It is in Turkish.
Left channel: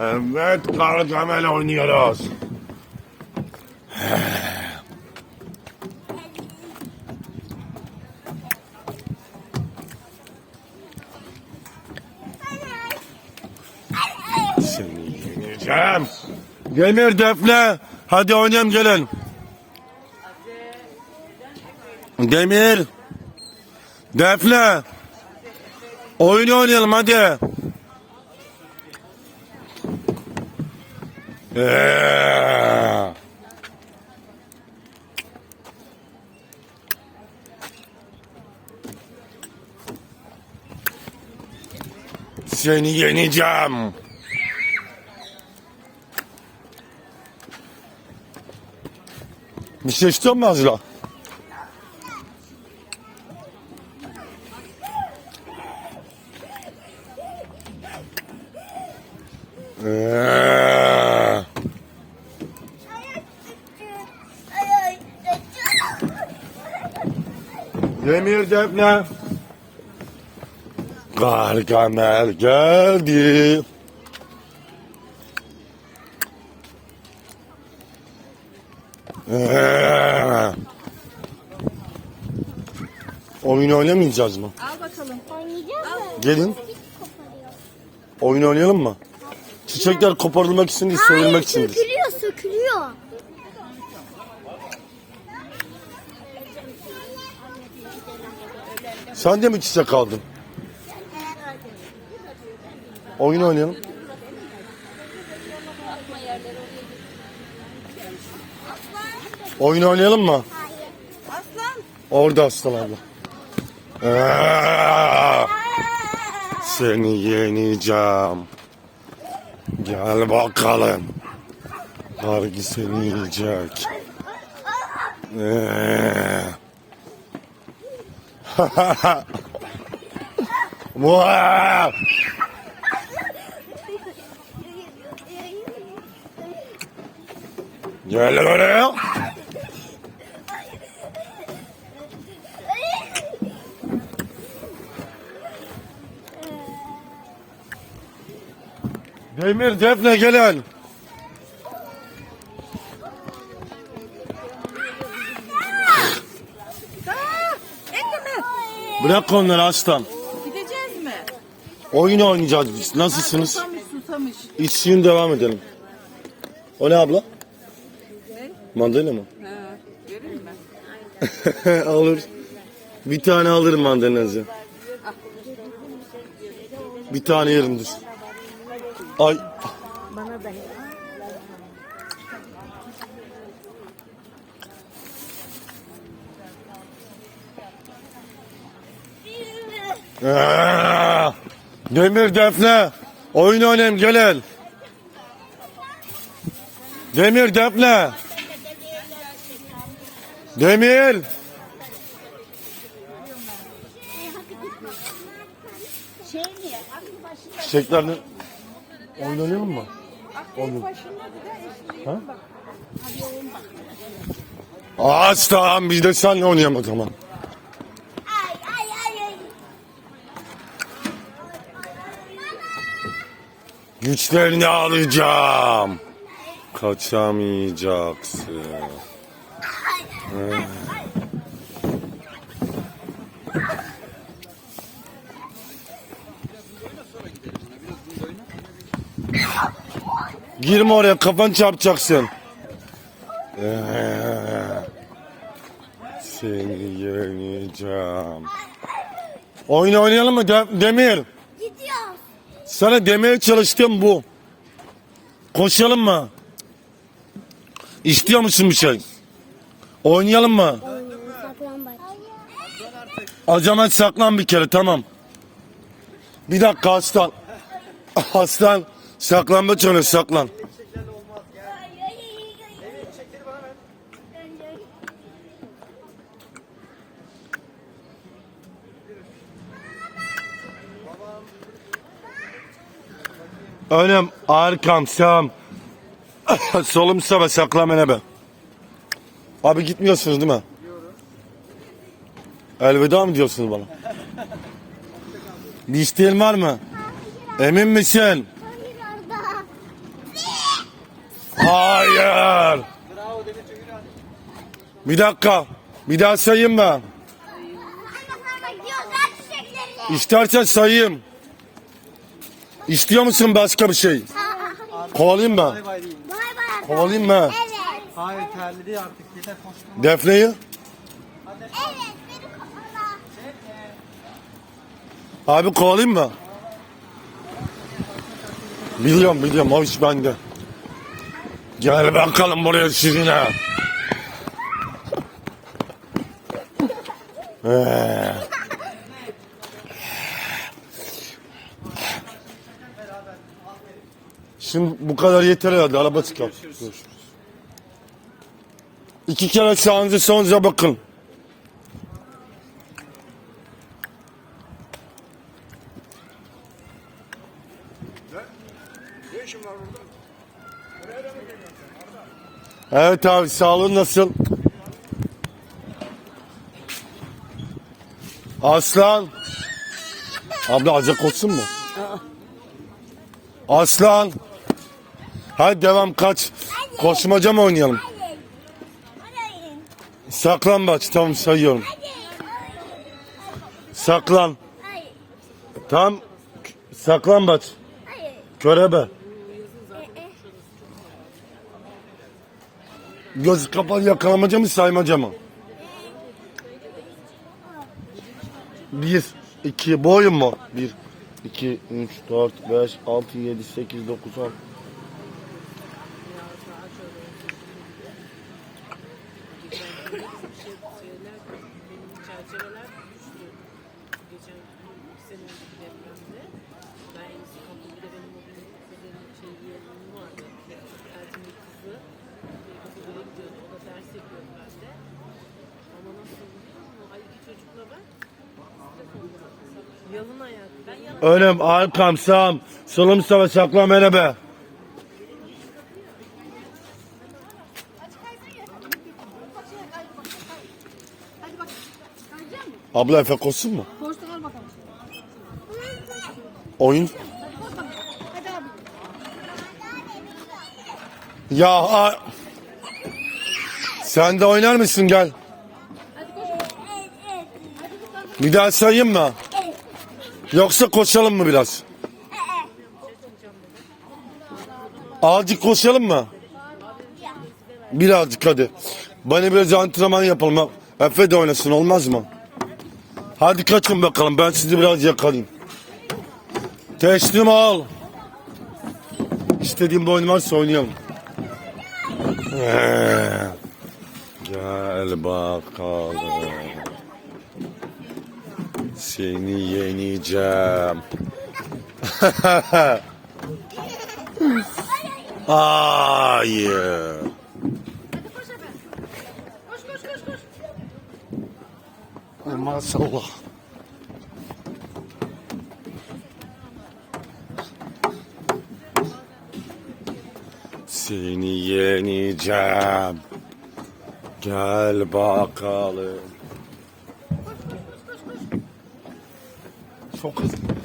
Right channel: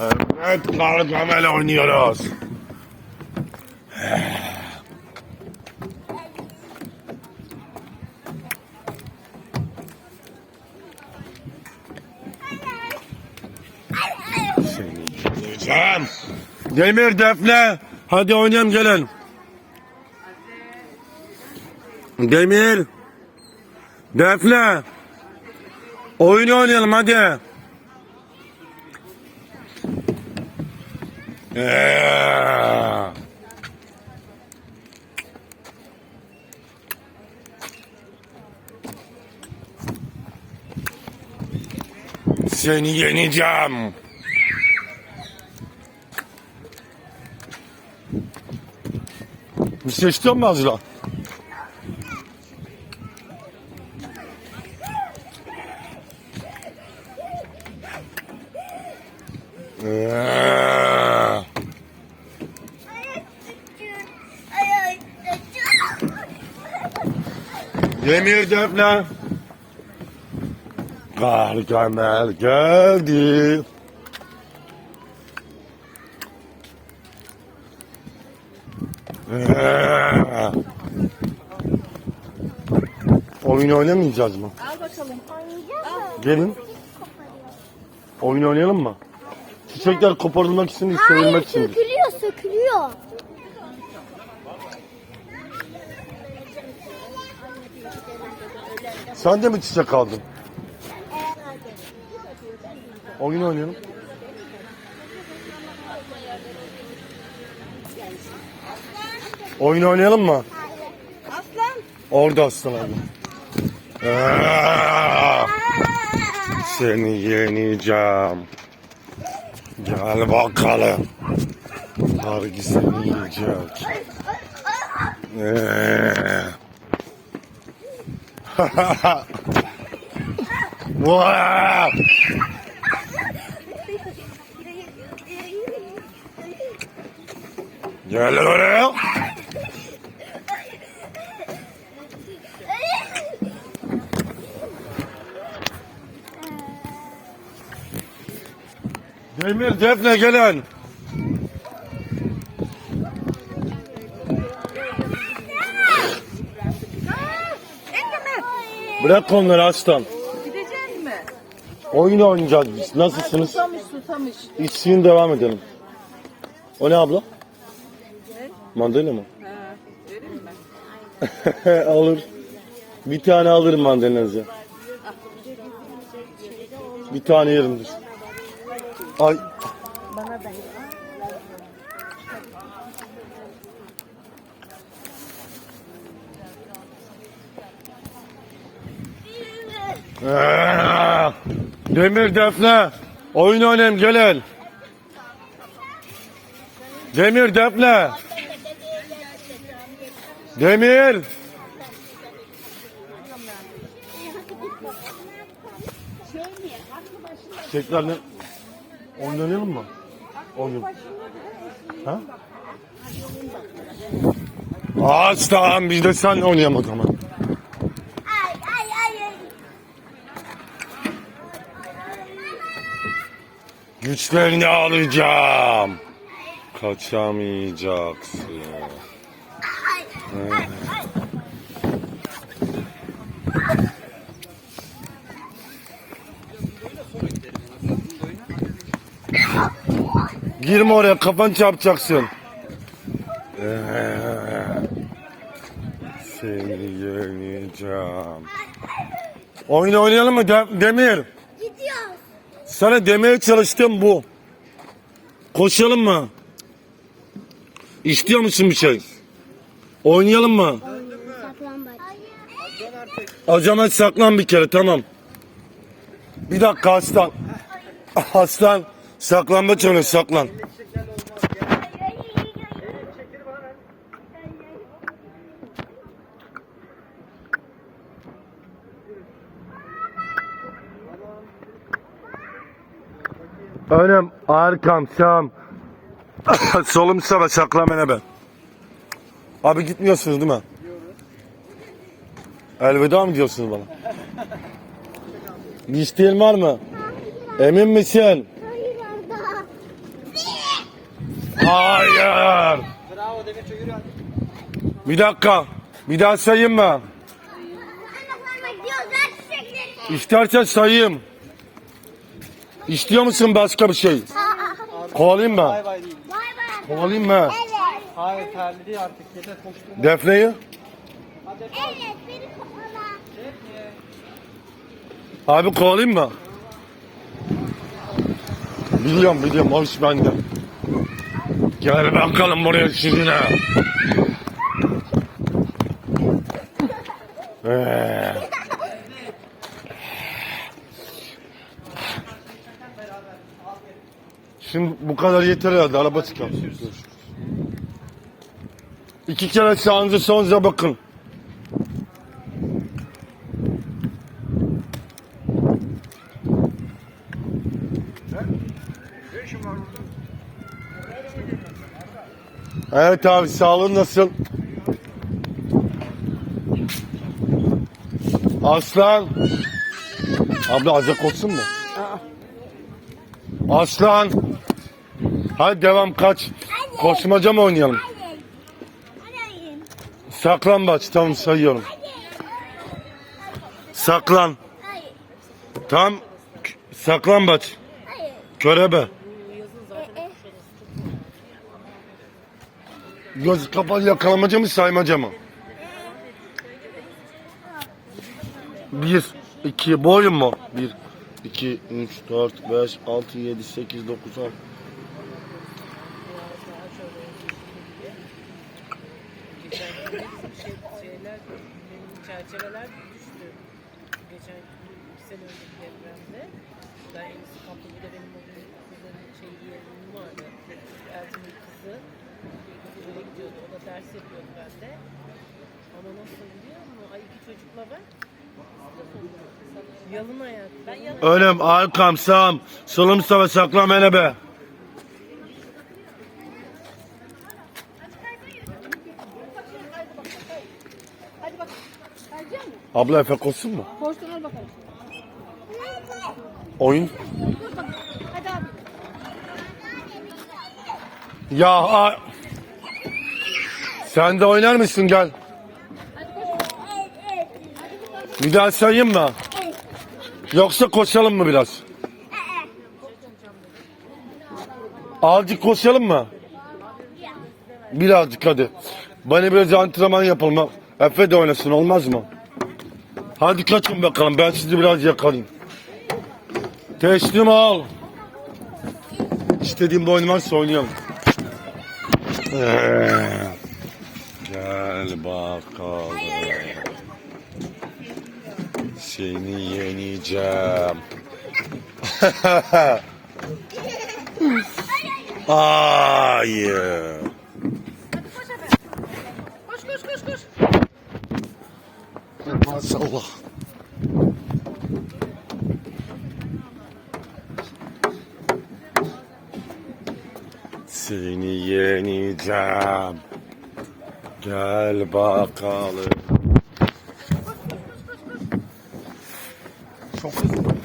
Evet, Gargamel oynuyoruz. Seni yeneceğim. Demir Defne. Hadi oynayalım gelin. Demir. Defne. Oyun oynayalım hadi. Seni yeneceğim. Bir şey istiyor musun? Ee. Demir Defne. Gargamel geldi. Ee. Oyun oynamayacağız mı? Al bakalım. Oynayacağız mı? Gelin. Oyun oynayalım mı? Çiçekler koparılmak için değil, sevilmek içindir. Sen de mi çiçek aldın? Oyun oynayalım. Oyun oynayalım mı? Aslan. Orada aslan abi. Aa, Seni yeneceğim. Gel bakalım. Harbi seni yenecek. Ee. Vaa! Gel lan oraya. Demir Defne gelin. Bırak onları aslan. Gideceğiz mi? Oyun oynayacağız biz. Nasılsınız? Susamış susamış. İçsin devam edelim. O ne abla? Mandalina mı? Ha, verir mi? Alır. Bir tane alırım mandalinası. Bir tane yerimdir. Ay. Bana da. Demir Defne. Oyun oynayalım gelin. Demir Defne. Demir. Çiçeklerle oynayalım mı? Oynayalım. Ha? Ağaç tamam biz de sen oynayalım o zaman. Ay ay ay ay. Güçlerini alacağım. Kaçamayacaksın. Girme oraya kafan çarpacaksın. Ee, Seni yeneceğim. Oyun oynayalım mı De- Demir? Sana demeye çalıştım bu. Koşalım mı? İstiyor musun bir şey? Oynayalım mı? O zaman saklan bir kere tamam. Bir dakika aslan. Aslan saklanmaç oyna saklan. Önüm, arkam, sağım. Solum sağ ve saklam enebe. Abi gitmiyorsunuz değil mi? Elveda mı diyorsunuz bana? Bir isteğin var mı? Emin misin? Hayır. Bir dakika. Bir daha sayayım mı? İstersen sayayım. İstiyor musun başka bir şey? Kovalayayım mı? Bay değil. Kovalayayım mı? Evet. Hayır terli değil artık. Yeter koştum. Defne'yi? Evet. Beni kovala. Abi kovalayayım mı? Biliyorum biliyorum o iş bende. Gel bakalım buraya sizinle. Ee. Şimdi bu kadar yeter herhalde. Araba çıkar. İki kere sağınıza sonuza bakın. Evet abi sağlığın nasıl? Aslan. Abla azıcık olsun mu? Aslan. Hadi devam kaç. Koşmaca mı oynayalım? Hadi. Saklambaç tamam sayıyorum. Saklan. Tam saklambaç. Hayır. Körebe. Göz kapalı yakalamaca mı saymaca mı? Bir, iki, boyun mu? Bir, iki, üç, dört, beş, altı, yedi, sekiz, dokuz, on. Sene önceki depremde. Ben en iyisi kapı bir de benim o gün kızın şey yeğenim vardı. Kızı. Bir kızı böyle gidiyordu. O da ders yapıyordu bende. Ama nasıl biliyor musun? Ay iki çocukla ben. Yalın ayak. Ben yalın Önüm, arkam, sağım, solum, sağa, saklam, enebe. Abla efek olsun mu? Oyun. Ya a- sen de oynar mısın gel. Bir daha sayayım mı? Yoksa koşalım mı biraz? Azıcık koşalım mı? Birazcık hadi. Bana biraz antrenman yapalım. Efe de oynasın olmaz mı? Hadi kaçın bakalım ben sizi biraz yakalayayım. Teslim al. İstediğim bir oyun varsa oynayalım. Ee, Gel bakalım. Seni yeneceğim. Hayır. Koş koş koş koş. Maşallah. Seni yeneceğim. Gel bakalım. Çok hızlı.